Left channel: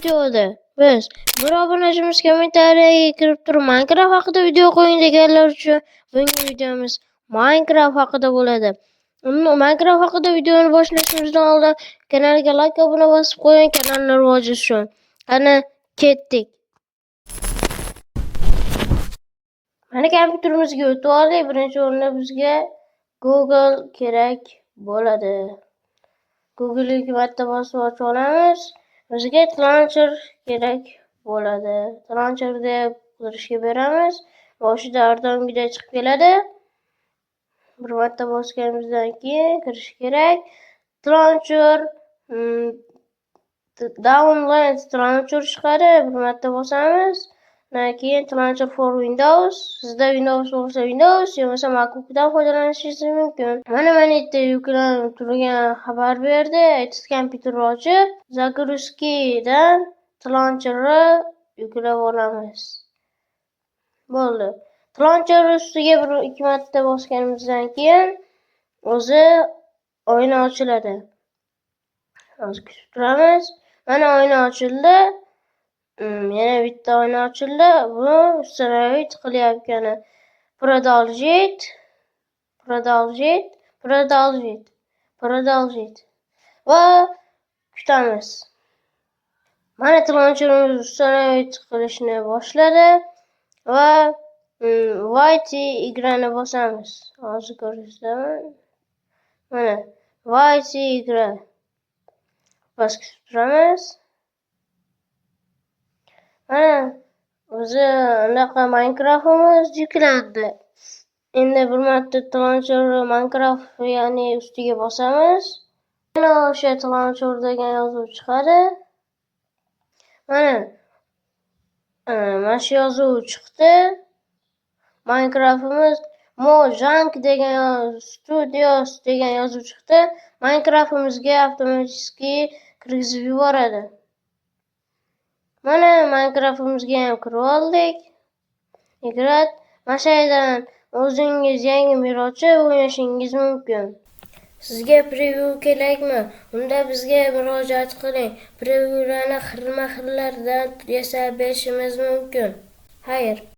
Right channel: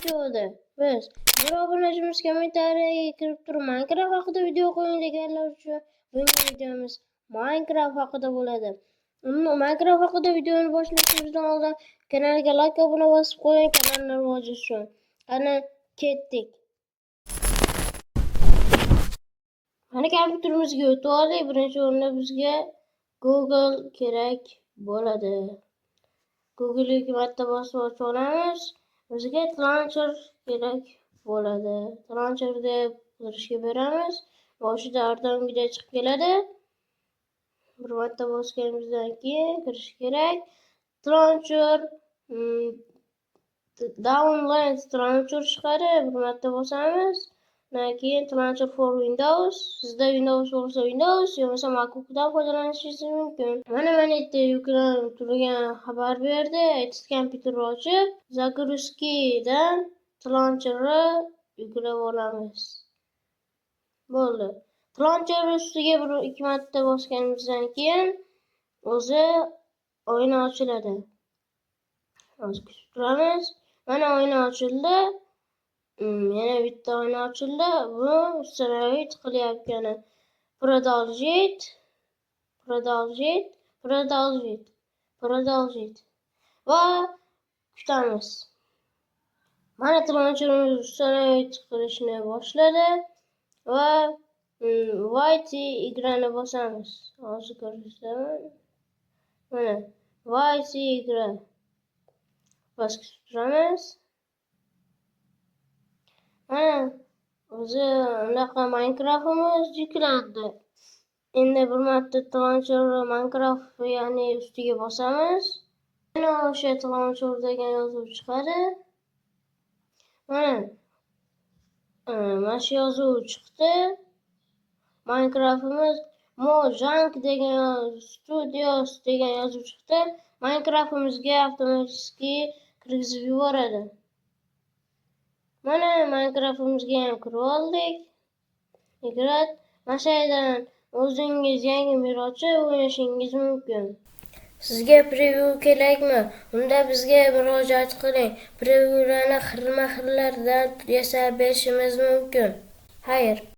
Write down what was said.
videoda biz bir obunachimiz kommentariyaga kirib turib Minecraft haqida video qo'ying deganlar uchun bugungi videomiz Minecraft haqida bo'ladi. Minecraft haqida videoni boshlashimizdan oldin kanalga like obuna bosib qo'ying, kanalni rivoji uchun. Qani ketdik. Mana kompyuterimizga o'tib oldik. Birinchi o'rinda bizga Google kerak bo'ladi. Google'ga 2 marta bosib ochib olamiz. Bizga launcher kerak bo'ladi. Launcher deb qidirishga beramiz. Boshida ardongidek chiqib keladi. Bir marta bosganimizdan keyin kirish kerak. Launcher download launcher chiqadi. Bir marta bosamiz. Keyin launcher for Windows. Sizda Windows bo'lsa Windows, yo'qsa MacBookdan foydalanishingiz mumkin. Mana yerda yuklanib turgan xabar berdi. Eski kompyuterni ochib, Zagruskidan launcherni yuklab olamiz. Bo'ldi. Launcher ustiga 1-2 marta bosganimizdan keyin o'zi oyna ochiladi. Hozir kutib turamiz. Mana oyna ochildi. Yana bitta oyna ochildi. Bu ustonaviy qilyapgani. Продолжить. Va kutamiz. Mana launcherimiz ustonaviy qilishni boshladi va White igrani bosamiz. Hozir ko'rsataman. Mana White igra. Bas kutib turamiz. Mana o'zi anaqa Minecraftimiz yuklandi. Endi bir marta launcher Minecraft ya'ni ustiga bosamiz. Mana o'sha launcher degan yozuv chiqadi. Mana shu yozuv chiqdi. Minecraftimiz Mojang degan Studios degan yozuv chiqdi. Minecraftimizga avtomatik kirgizib yuboradi. Mana Minecraftimizga ham kirib oldik. Mana shu yerdan o'zingiz yangi bir ochib o'ynashingiz mumkin. Sizga preview kerakmi? Unda bizga murojaat qiling. Previewlarni xilma-xillardan yasab berishimiz mumkin. Xayr.